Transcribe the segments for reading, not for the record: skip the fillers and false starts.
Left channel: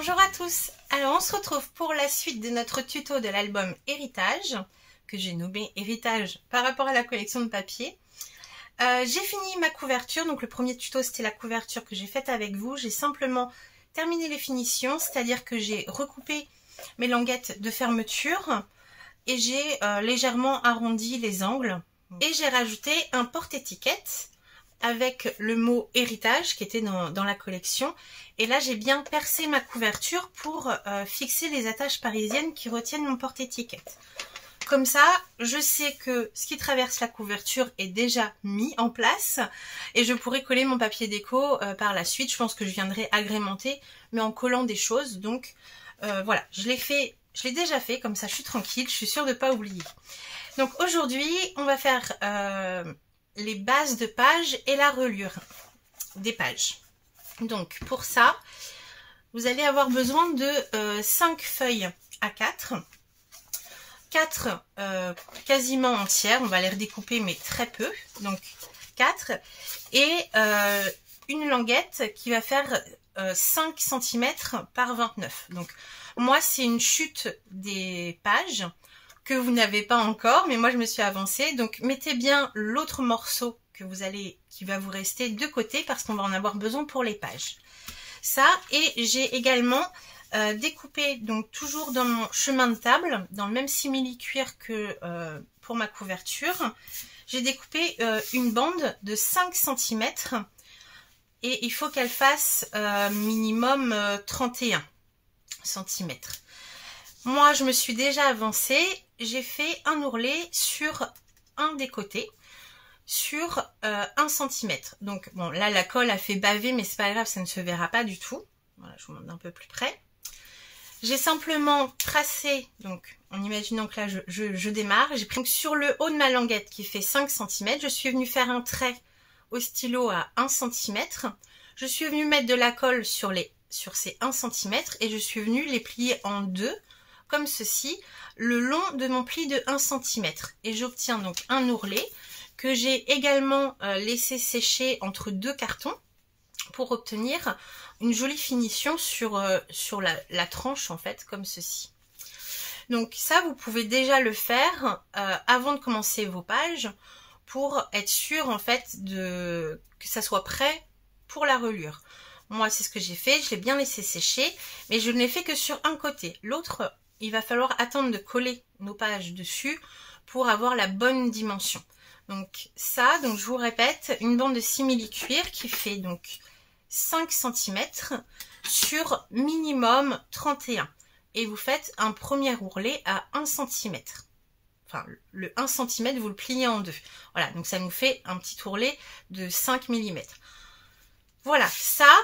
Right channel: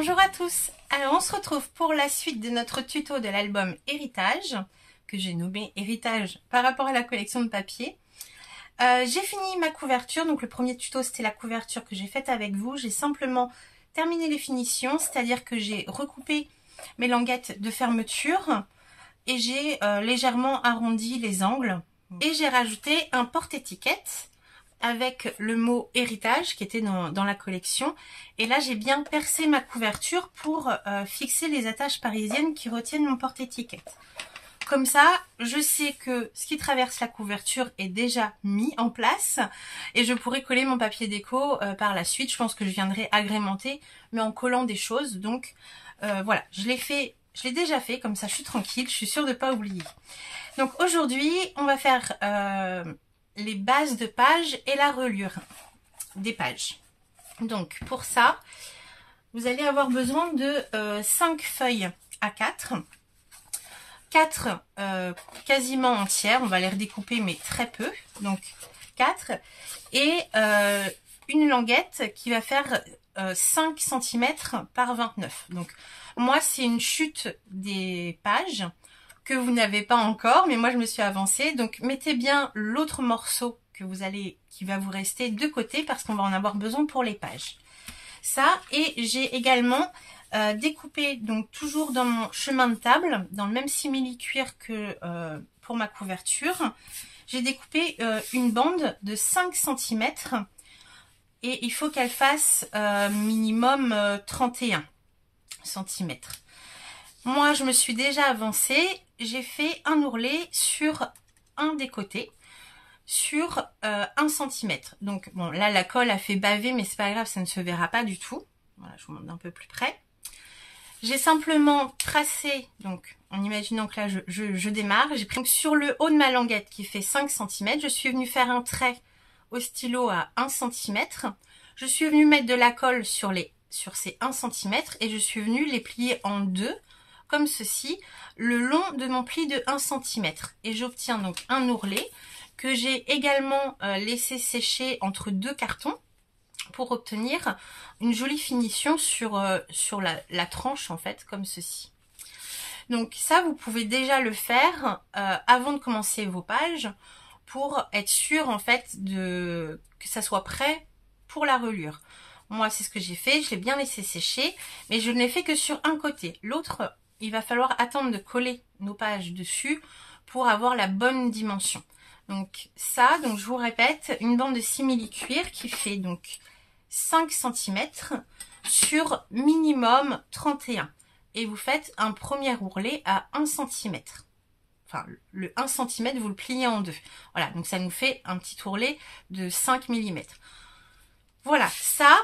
Bonjour à tous, alors on se retrouve pour la suite de notre tuto de l'album Héritage, que j'ai nommé Héritage par rapport à la collection de papier. J'ai fini ma couverture, donc le premier tuto c'était la couverture que j'ai faite avec vous. J'ai simplement terminé les finitions, c'est-à-dire que j'ai recoupé mes languettes de fermeture et j'ai légèrement arrondi les angles. Et j'ai rajouté un porte-étiquette avec le mot héritage qui était dans la collection. Et là, j'ai bien percé ma couverture pour fixer les attaches parisiennes qui retiennent mon porte-étiquette. Comme ça, je sais que ce qui traverse la couverture est déjà mis en place et je pourrai coller mon papier déco par la suite. Je pense que je viendrai agrémenter, mais en collant des choses. Donc voilà, je l'ai déjà fait, comme ça je suis tranquille, je suis sûre de ne pas oublier. Donc aujourd'hui, on va faire les bases de pages et la reliure des pages. Donc pour ça, vous allez avoir besoin de 5 feuilles A4, 4 quasiment entières, on va les redécouper mais très peu, donc 4, et une languette qui va faire 5 cm par 29. Donc moi c'est une chute des pages que vous n'avez pas encore, mais moi je me suis avancée, donc mettez bien l'autre morceau qui va vous rester de côté parce qu'on va en avoir besoin pour les pages. Ça, et j'ai également découpé, donc toujours dans mon chemin de table, dans le même simili-cuir que pour ma couverture, j'ai découpé une bande de 5 cm et il faut qu'elle fasse minimum 31 cm. Moi, je me suis déjà avancée, j'ai fait un ourlet sur un des côtés, sur 1 cm. Donc bon, là la colle a fait baver, mais c'est pas grave, ça ne se verra pas du tout. Voilà, je vous montre d'un peu plus près. J'ai simplement tracé, donc en imaginant que là je démarre, j'ai pris sur le haut de ma languette qui fait 5 cm, je suis venue faire un trait au stylo à 1 cm. Je suis venue mettre de la colle sur ces 1 cm et je suis venue les plier en deux, comme ceci, le long de mon pli de 1 cm. Et j'obtiens donc un ourlet que j'ai également laissé sécher entre deux cartons pour obtenir une jolie finition sur la tranche en fait, comme ceci. Donc ça, vous pouvez déjà le faire avant de commencer vos pages pour être sûr en fait que ça soit prêt pour la reliure. Moi, c'est ce que j'ai fait, je l'ai bien laissé sécher, mais je ne l'ai fait que sur un côté. L'autre, il va falloir attendre de coller nos pages dessus pour avoir la bonne dimension. Donc ça, donc je vous répète, une bande de simili-cuir qui fait donc 5 cm sur minimum 31. Et vous faites un premier ourlet à 1 cm. Enfin, le 1 cm, vous le pliez en deux. Voilà, donc ça nous fait un petit ourlet de 5 mm. Voilà, ça,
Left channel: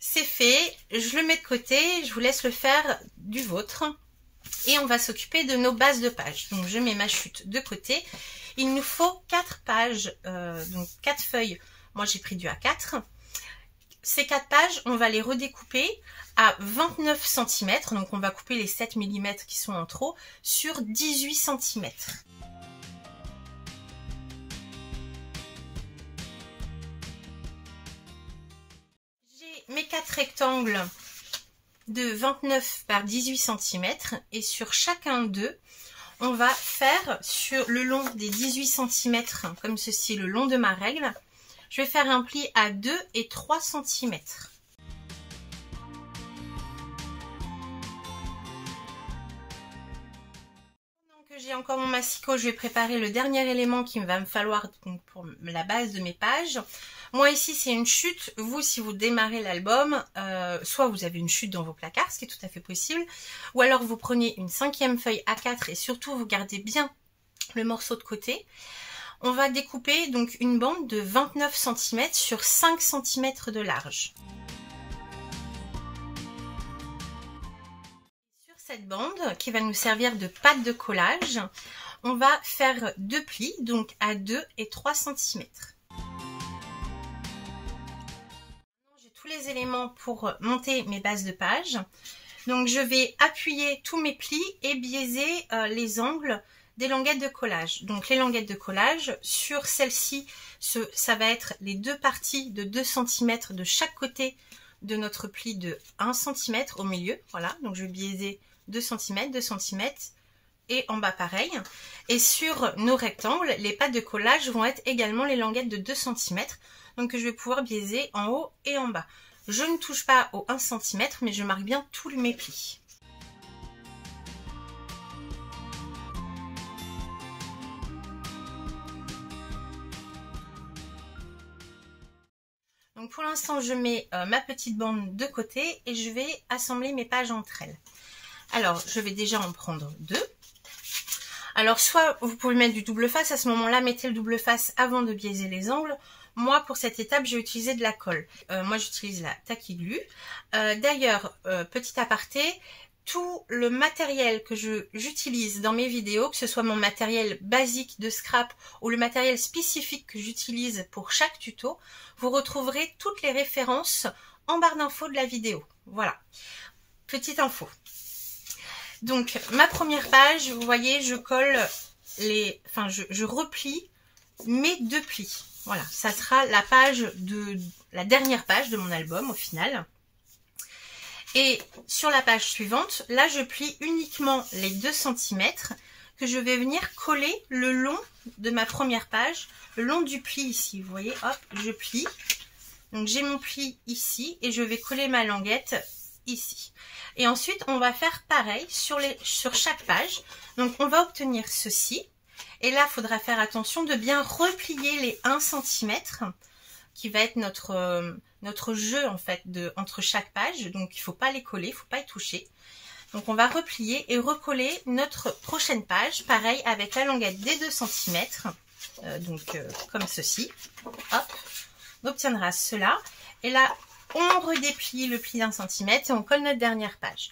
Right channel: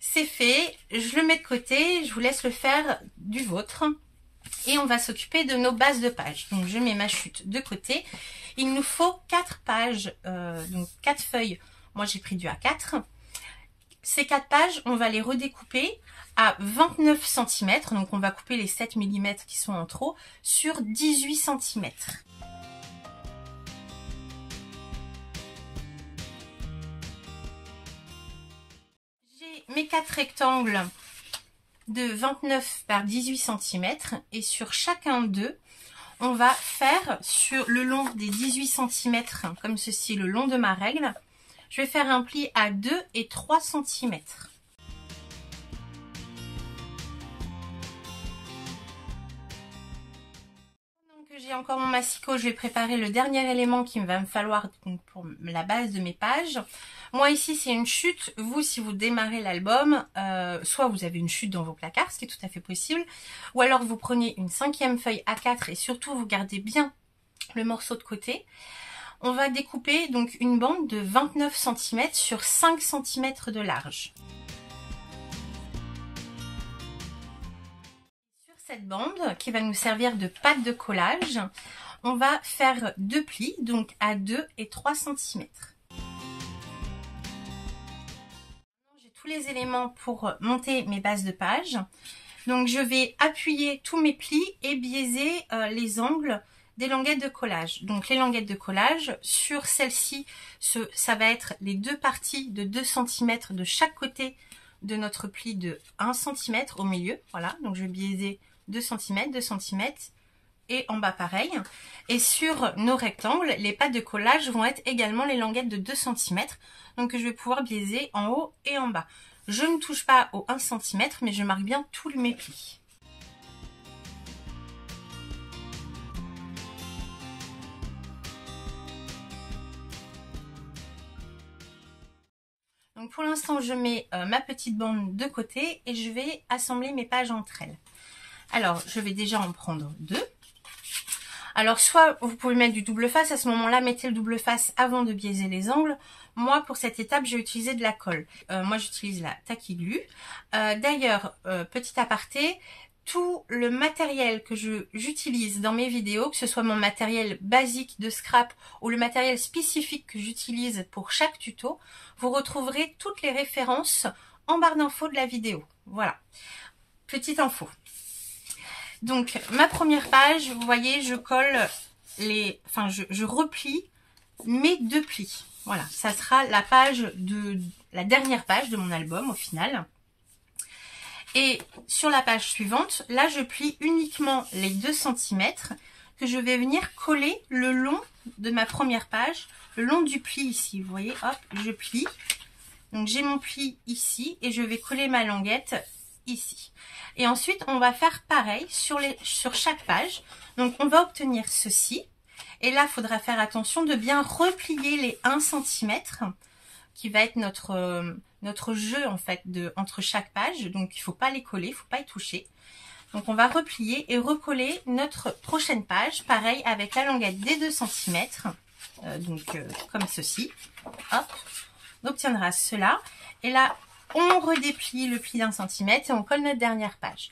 c'est fait. Je le mets de côté, je vous laisse le faire du vôtre. Et on va s'occuper de nos bases de pages. Donc je mets ma chute de côté. Il nous faut 4 pages, donc 4 feuilles. Moi j'ai pris du A4. Ces 4 pages, on va les redécouper à 29 cm. Donc on va couper les 7 mm qui sont en trop sur 18 cm. J'ai mes 4 rectangles de 29 par 18 cm et sur chacun d'eux, on va faire sur le long des 18 cm, comme ceci, le long de ma règle, je vais faire un pli à 2 et 3 cm. Donc j'ai encore mon massicot, je vais préparer le dernier élément qu'il va me falloir pour la base de mes pages. Moi ici c'est une chute, vous si vous démarrez l'album, soit vous avez une chute dans vos placards, ce qui est tout à fait possible, ou alors vous prenez une 5e feuille A4 et surtout vous gardez bien le morceau de côté. On va découper donc une bande de 29 cm sur 5 cm de large. Sur cette bande qui va nous servir de pâte de collage, on va faire 2 plis, donc à 2 et 3 cm. Tous les éléments pour monter mes bases de pages. Donc je vais appuyer tous mes plis et biaiser les angles des languettes de collage. Donc les languettes de collage, sur celle-ci, ça va être les deux parties de 2 cm de chaque côté de notre pli de 1 cm au milieu. Voilà, donc je vais biaiser 2 cm, 2 cm et en bas pareil. Et sur nos rectangles, les pattes de collage vont être également les languettes de 2 cm. Donc je vais pouvoir biaiser en haut et en bas. Je ne touche pas au 1 cm, mais je marque bien tous mes plis. Donc pour l'instant, je mets ma petite bande de côté et je vais assembler mes pages entre elles. Alors, je vais déjà en prendre 2. Alors, soit vous pouvez mettre du double face, à ce moment-là, mettez le double face avant de biaiser les angles. Moi, pour cette étape, j'ai utilisé de la colle. Moi, j'utilise la Tacky Glue. D'ailleurs, petit aparté, tout le matériel que j'utilise dans mes vidéos, que ce soit mon matériel basique de scrap ou le matériel spécifique que j'utilise pour chaque tuto, vous retrouverez toutes les références en barre d'infos de la vidéo. Voilà, petite info. Donc, ma première page, vous voyez, je colle je replie mes 2 plis. Voilà, ça sera la dernière page de mon album au final. Et sur la page suivante, là, je plie uniquement les 2 cm que je vais venir coller le long de ma première page, le long du pli ici. Vous voyez, hop, je plie. Donc, j'ai mon pli ici et je vais coller ma languette ici. Et ensuite, on va faire pareil sur chaque page. Donc, on va obtenir ceci. Et là, il faudra faire attention de bien replier les 1 cm qui va être notre jeu en fait entre chaque page. Donc, il ne faut pas les coller, il ne faut pas y toucher. Donc, on va replier et recoller notre prochaine page. Pareil avec la languette des 2 cm. Comme ceci. Hop, on obtiendra cela. Et là, on redéplie le pli d'1 cm et on colle notre dernière page.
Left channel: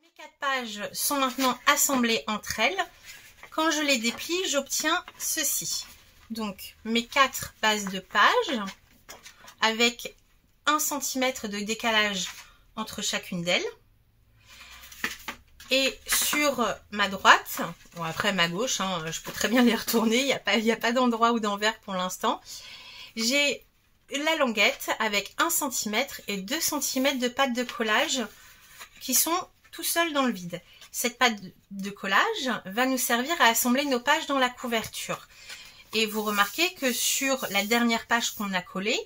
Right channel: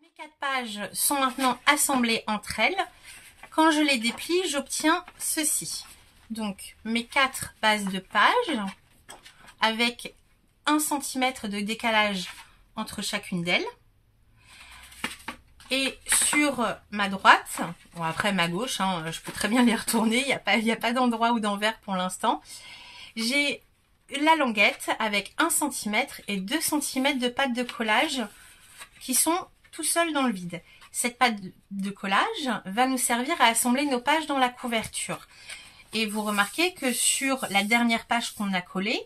Mes 4 pages sont maintenant assemblées entre elles. Quand je les déplie, j'obtiens ceci. Donc, mes 4 bases de pages avec 1 cm de décalage entre chacune d'elles. Et sur ma droite, bon après ma gauche, je peux très bien les retourner, il n'y a pas d'endroit ou d'envers pour l'instant. J'ai la languette avec 1 cm et 2 cm de pâte de collage qui sont tout seuls dans le vide. Cette pâte de collage va nous servir à assembler nos pages dans la couverture. Et vous remarquez que sur la dernière page qu'on a collée,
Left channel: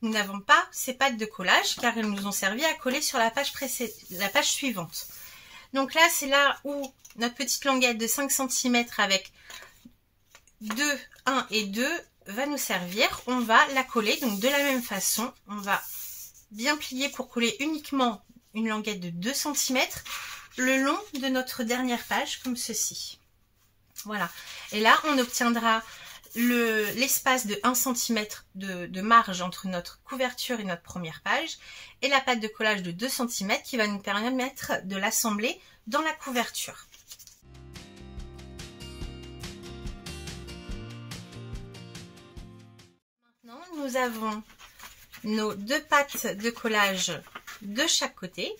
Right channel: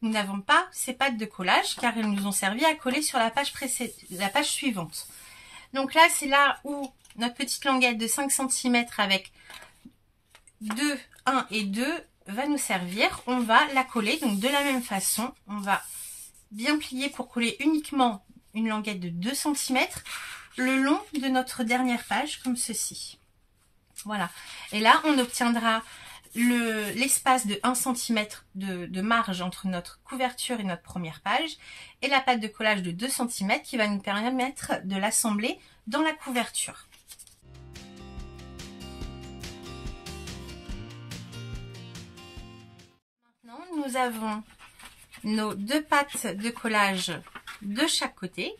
nous n'avons pas ces pattes de collage car elles nous ont servi à coller sur la page suivante. Donc là, c'est là où notre petite languette de 5 cm avec 1 et 2 va nous servir. On va la coller donc de la même façon. On va bien plier pour coller uniquement une languette de 2 cm le long de notre dernière page comme ceci. Voilà. Et là, on obtiendra l'espace de 1 cm de marge entre notre couverture et notre première page et la pâte de collage de 2 cm qui va nous permettre de l'assembler dans la couverture. Maintenant, nous avons nos 2 pattes de collage de chaque côté,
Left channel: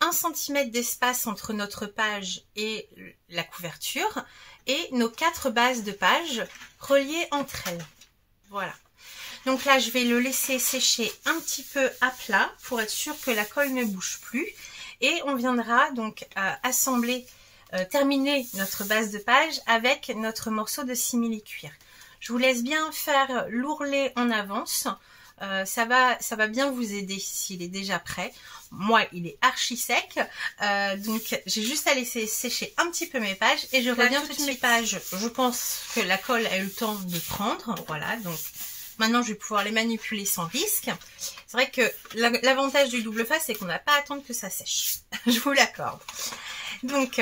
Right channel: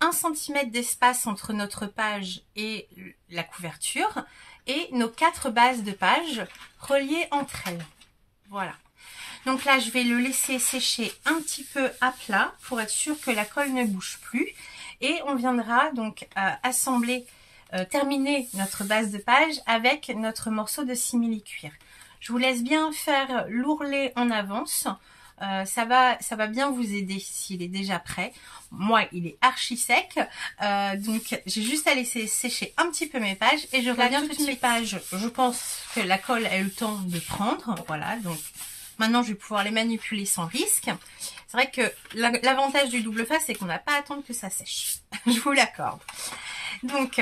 1 cm d'espace entre notre page et la couverture et nos 4 bases de page reliées entre elles. Voilà. Donc là, je vais le laisser sécher un petit peu à plat pour être sûr que la colle ne bouge plus. Et on viendra donc terminer notre base de page avec notre morceau de simili-cuir. Je vous laisse bien faire l'ourlet en avance. Ça va bien vous aider s'il est déjà prêt. Moi, il est archi sec. Donc, j'ai juste à laisser sécher un petit peu mes pages et je reviens tout de suite. Mes pages, je pense que la colle a eu le temps de prendre. Voilà, donc maintenant, je vais pouvoir les manipuler sans risque. C'est vrai que l'avantage du double face, c'est qu'on n'a pas à attendre que ça sèche. Je vous l'accorde. Donc,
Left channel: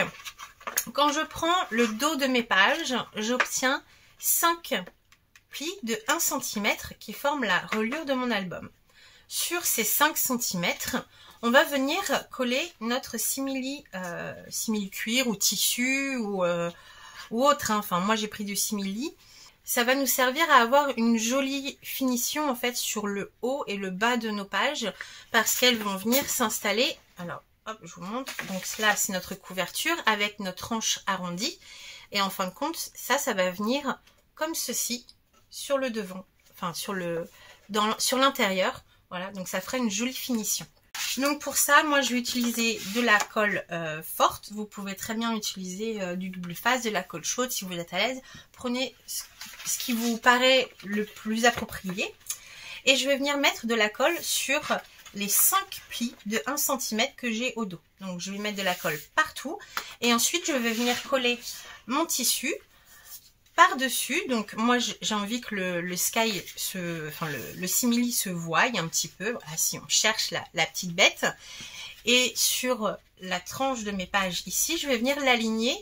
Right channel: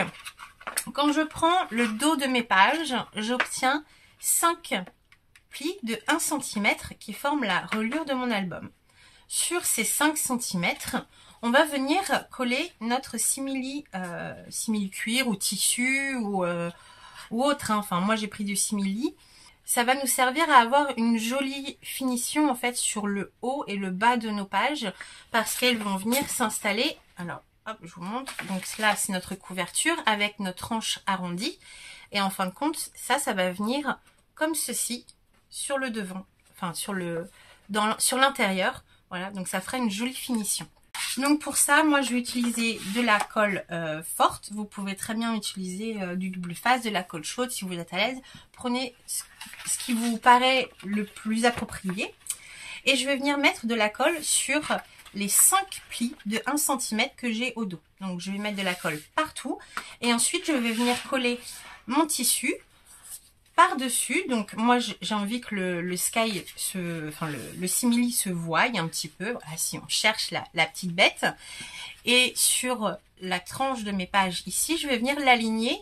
quand je prends le dos de mes pages, j'obtiens 5 plis de 1 cm qui forment la reliure de mon album. Sur ces 5 cm, on va venir coller notre simili-cuir ou tissu ou autre. Enfin, moi, j'ai pris du simili. ça va nous servir à avoir une jolie finition en fait sur le haut et le bas de nos pages parce qu'elles vont venir s'installer. Alors, hop, je vous montre. Donc là, c'est notre couverture avec notre tranche arrondie. Et en fin de compte, ça va venir comme ceci sur le devant, enfin sur l'intérieur. Voilà, donc ça fera une jolie finition. Donc pour ça, moi je vais utiliser de la colle forte. Vous pouvez très bien utiliser du double face, de la colle chaude si vous êtes à l'aise. Prenez ce qui vous paraît le plus approprié. Et je vais venir mettre de la colle sur les 5 plis de 1 cm que j'ai au dos. Donc je vais mettre de la colle partout. Et ensuite je vais venir coller mon tissu par-dessus. Donc moi j'ai envie que le sky, le simili se voie un petit peu. Voilà, si on cherche la petite bête. Et sur la tranche de mes pages ici, je vais venir l'aligner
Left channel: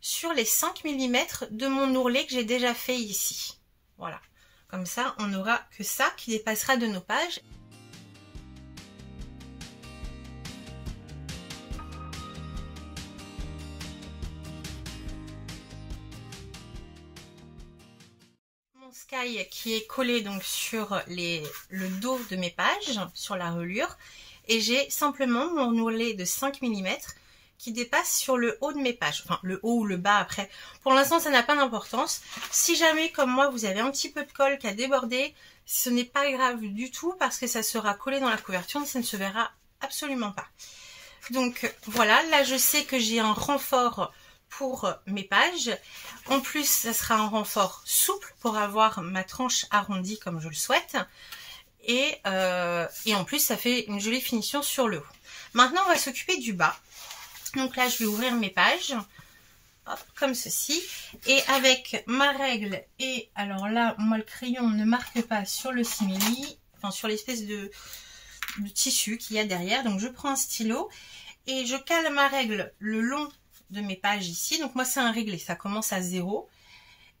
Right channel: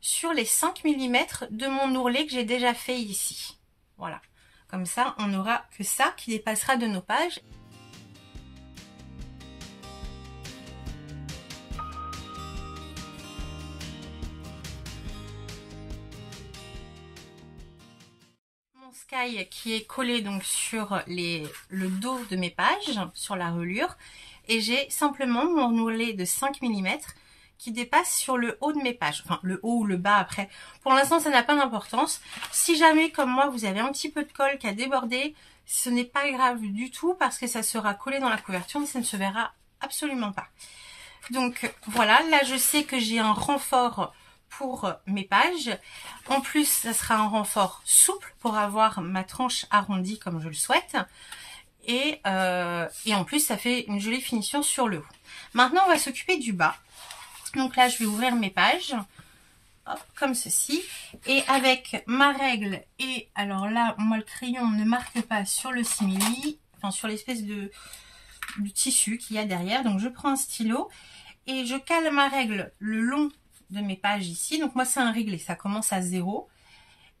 sur les 5 mm de mon ourlet que j'ai déjà fait ici. Voilà. Comme ça, on n'aura que ça qui dépassera de nos pages. Sky qui est collé donc sur le dos de mes pages, sur la reliure, et j'ai simplement mon ourlet de 5 mm qui dépasse sur le haut de mes pages, enfin le haut ou le bas après. Pour l'instant ça n'a pas d'importance. Si jamais comme moi vous avez un petit peu de colle qui a débordé, ce n'est pas grave du tout parce que ça sera collé dans la couverture, mais ça ne se verra absolument pas. Donc voilà, là je sais que j'ai un renfort pour mes pages. En plus, ça sera un renfort souple pour avoir ma tranche arrondie comme je le souhaite. Et en plus, ça fait une jolie finition sur le haut. Maintenant, on va s'occuper du bas. Donc là, je vais ouvrir mes pages. Hop, comme ceci. Et avec ma règle, et alors là, moi, le crayon ne marque pas sur le simili, enfin sur l'espèce de tissu qu'il y a derrière. Donc, je prends un stylo et je cale ma règle le long de mes pages ici. Donc moi c'est un réglé, ça commence à 0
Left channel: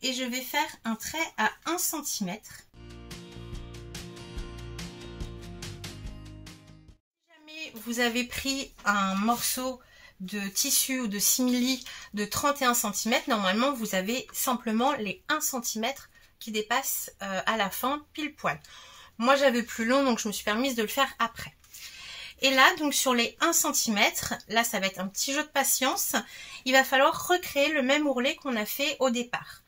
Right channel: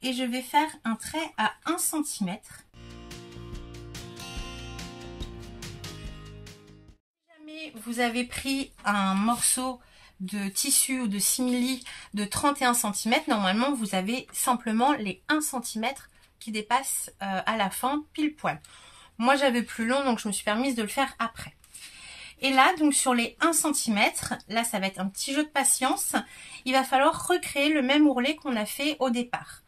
et je vais faire un trait à 1 cm. Si jamais vous avez pris un morceau de tissu ou de simili de 31 cm, normalement vous avez simplement les 1 cm qui dépassent à la fin pile poil. Moi j'avais plus long donc je me suis permise de le faire après. Et là, donc sur les 1 cm, là ça va être un petit jeu de patience, il va falloir recréer le même ourlet qu'on a fait au départ.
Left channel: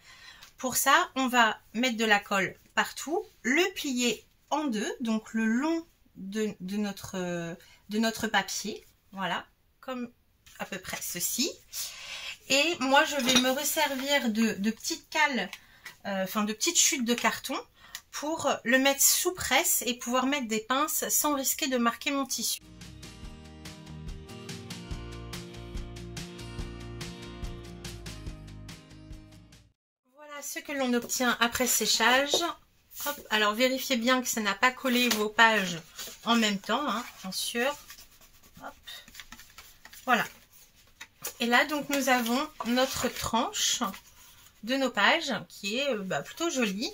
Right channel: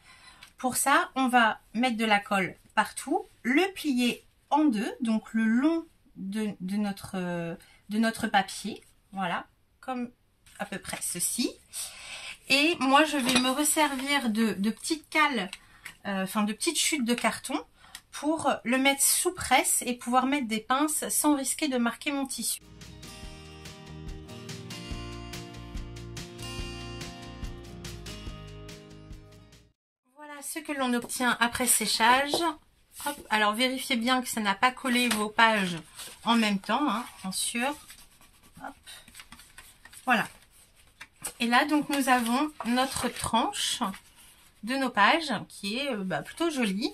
Pour ça, on va mettre de la colle partout, le plier en deux, donc le long de notre papier, voilà, comme à peu près ceci. Et moi je vais me resservir de petites cales, de petites chutes de carton, pour le mettre sous presse et pouvoir mettre des pinces sans risquer de marquer mon tissu. Voilà ce que l'on obtient après séchage. Hop, alors vérifiez bien que ça n'a pas collé vos pages en même temps, hein, bien sûr. Hop. Voilà. Et là donc nous avons notre tranche de nos pages qui est plutôt jolie.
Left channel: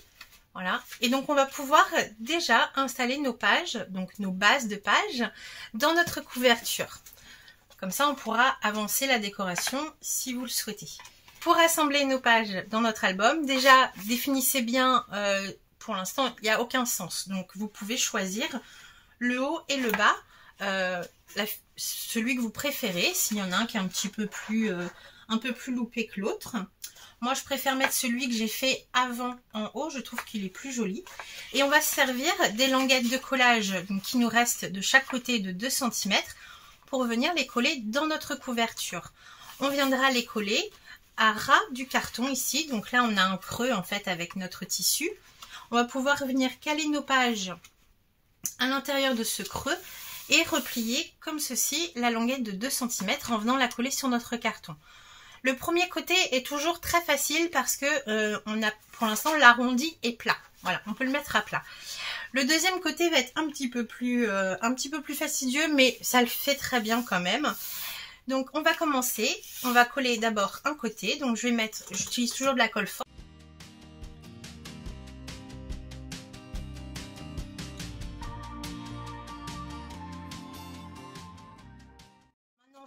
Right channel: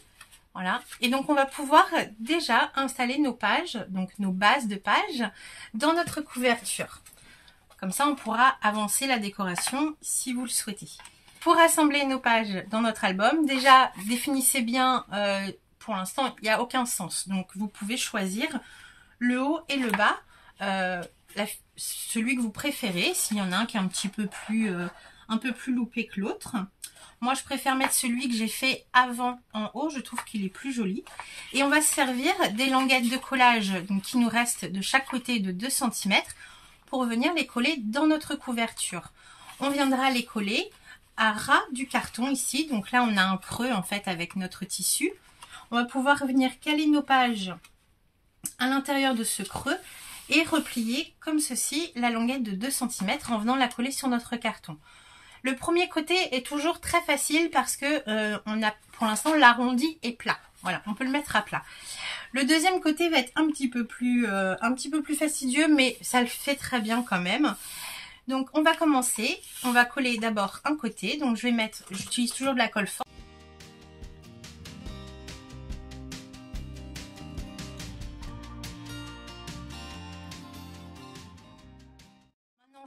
Voilà, et donc on va pouvoir déjà installer nos pages, donc nos bases de pages, dans notre couverture. Comme ça, on pourra avancer la décoration si vous le souhaitez. Pour assembler nos pages dans notre album, déjà définissez bien, pour l'instant, il n'y a aucun sens. Donc vous pouvez choisir le haut et le bas, celui que vous préférez, s'il y en a un qui est un peu plus loupé que l'autre. Moi, je préfère mettre celui que j'ai fait avant en haut. Je trouve qu'il est plus joli. Et on va se servir des languettes de collage donc, qui nous restent de chaque côté de 2 cm pour venir les coller dans notre couverture. On viendra les coller à ras du carton ici. Donc là, on a un creux en fait avec notre tissu. On va pouvoir venir caler nos pages à l'intérieur de ce creux et replier comme ceci la languette de 2 cm en venant la coller sur notre carton. Le premier côté est toujours très facile parce que on a pour l'instant l'arrondi est plat. Voilà, on peut le mettre à plat. Le deuxième côté va être un petit peu plus fastidieux, mais ça le fait très bien quand même. Donc on va commencer. On va coller d'abord un côté. Donc j'utilise toujours de la colle forte.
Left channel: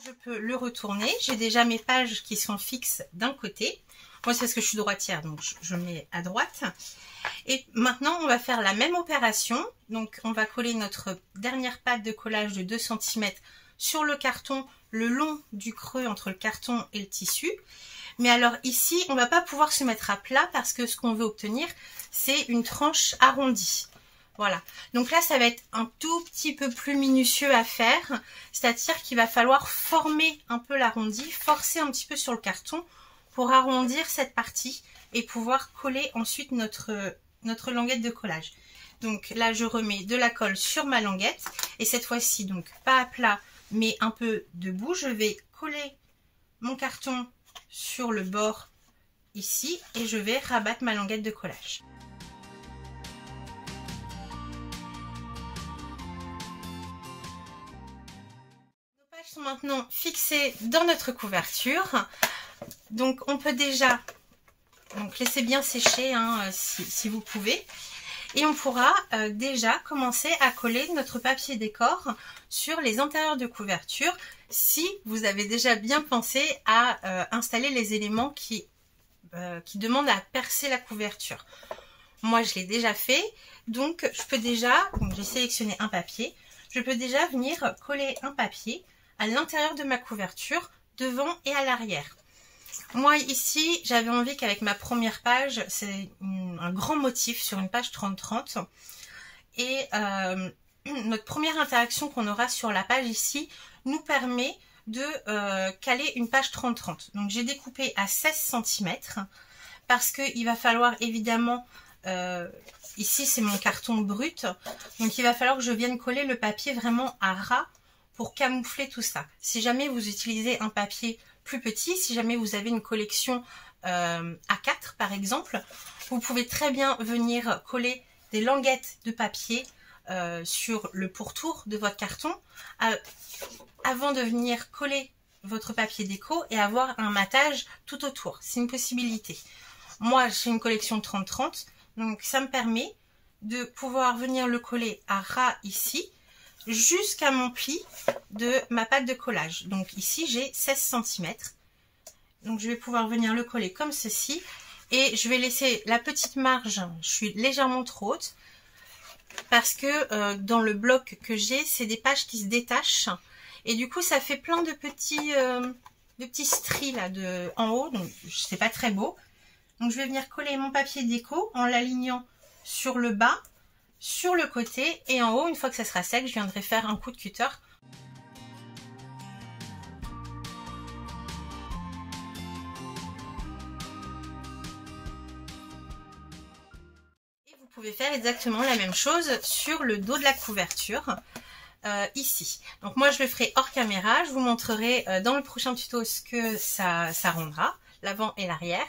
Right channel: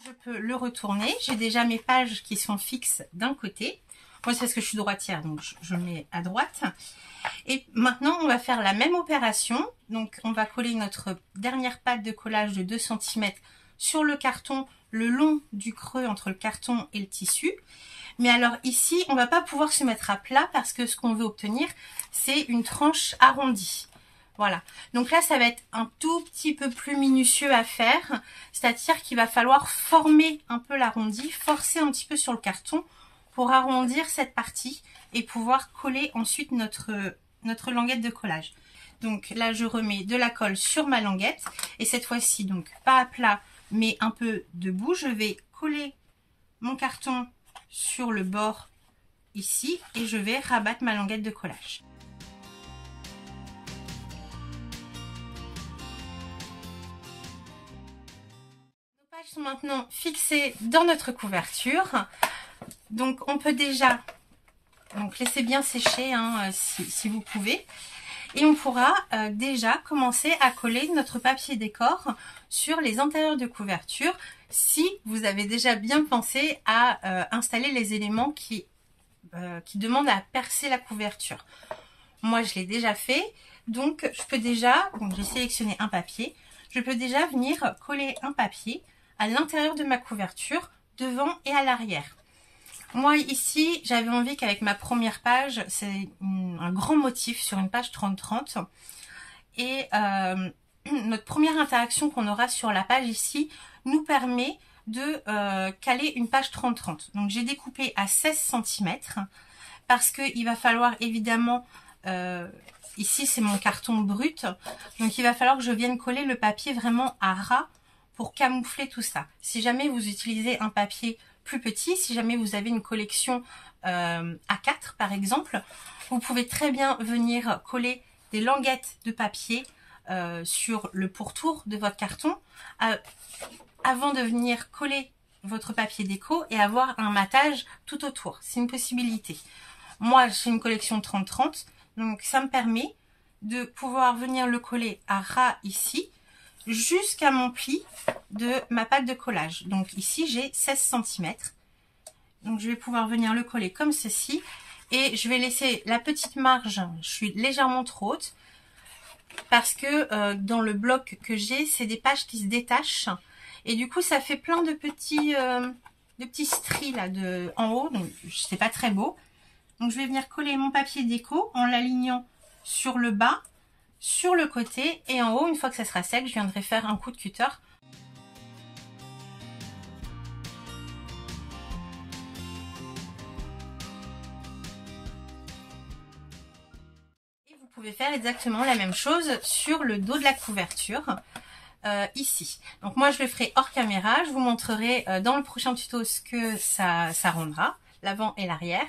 Je peux le retourner. J'ai déjà mes pages qui sont fixes d'un côté. Moi c'est parce que je suis droitière, donc je mets à droite. Et maintenant on va faire la même opération. Donc on va coller notre dernière pâte de collage de 2 cm sur le carton, le long du creux entre le carton et le tissu. Mais alors ici on va pas pouvoir se mettre à plat parce que ce qu'on veut obtenir c'est une tranche arrondie. Voilà, donc là ça va être un tout petit peu plus minutieux à faire, c'est-à-dire qu'il va falloir former un peu l'arrondi, forcer un petit peu sur le carton pour arrondir cette partie et pouvoir coller ensuite notre languette de collage. Donc là je remets de la colle sur ma languette et cette fois-ci donc pas à plat mais un peu debout, je vais coller mon carton sur le bord ici et je vais rabattre ma languette de collage. Sont maintenant fixés dans notre couverture, donc on peut déjà laisser bien sécher hein, si vous pouvez, et on pourra déjà commencer à coller notre papier décor sur les intérieurs de couverture si vous avez déjà bien pensé à installer les éléments qui demandent à percer la couverture. Moi je l'ai déjà fait, donc je peux déjà, j'ai sélectionné un papier, je peux déjà venir coller un papier à l'intérieur de ma couverture, devant et à l'arrière. Moi ici, j'avais envie qu'avec ma première page, c'est un grand motif sur une page 30-30. Et notre première interaction qu'on aura sur la page ici nous permet de caler une page 30-30. Donc j'ai découpé à 16 cm parce qu'il va falloir évidemment, ici c'est mon carton brut, donc il va falloir que je vienne coller le papier vraiment à ras pour camoufler tout ça. Si jamais vous utilisez un papier plus petit, si jamais vous avez une collection A4 par exemple, vous pouvez très bien venir coller des languettes de papier sur le pourtour de votre carton avant de venir coller votre papier déco et avoir un matage tout autour. C'est une possibilité. Moi j'ai une collection 30-30, donc ça me permet de pouvoir venir le coller à ras ici jusqu'à mon pli de ma pâte de collage. Donc ici j'ai 16 cm. Donc je vais pouvoir venir le coller comme ceci. Et je vais laisser la petite marge, je suis légèrement trop haute. Parce que dans le bloc que j'ai, c'est des pages qui se détachent. Et du coup ça fait plein de petits stries là en haut. Donc c'est pas très beau. Donc je vais venir coller mon papier déco en l'alignant sur le bas, sur le côté et en haut. Une fois que ça sera sec, je viendrai faire un coup de cutter. Et vous pouvez faire exactement la même chose sur le dos de la couverture ici. Donc moi je le ferai hors caméra, je vous montrerai dans le prochain tuto ce que ça rendra, l'avant et l'arrière.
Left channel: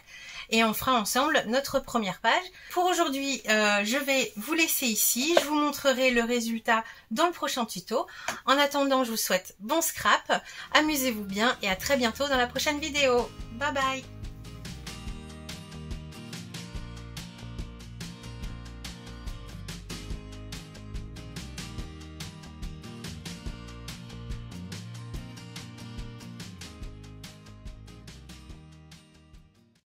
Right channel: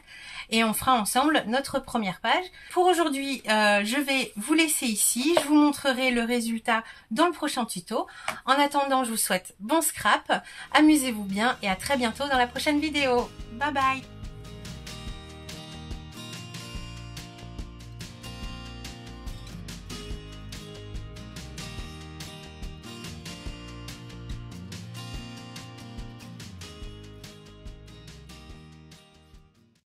Et on fera ensemble notre première page. Pour aujourd'hui, je vais vous laisser ici. Je vous montrerai le résultat dans le prochain tuto. En attendant, je vous souhaite bon scrap, amusez-vous bien et à très bientôt dans la prochaine vidéo. Bye bye!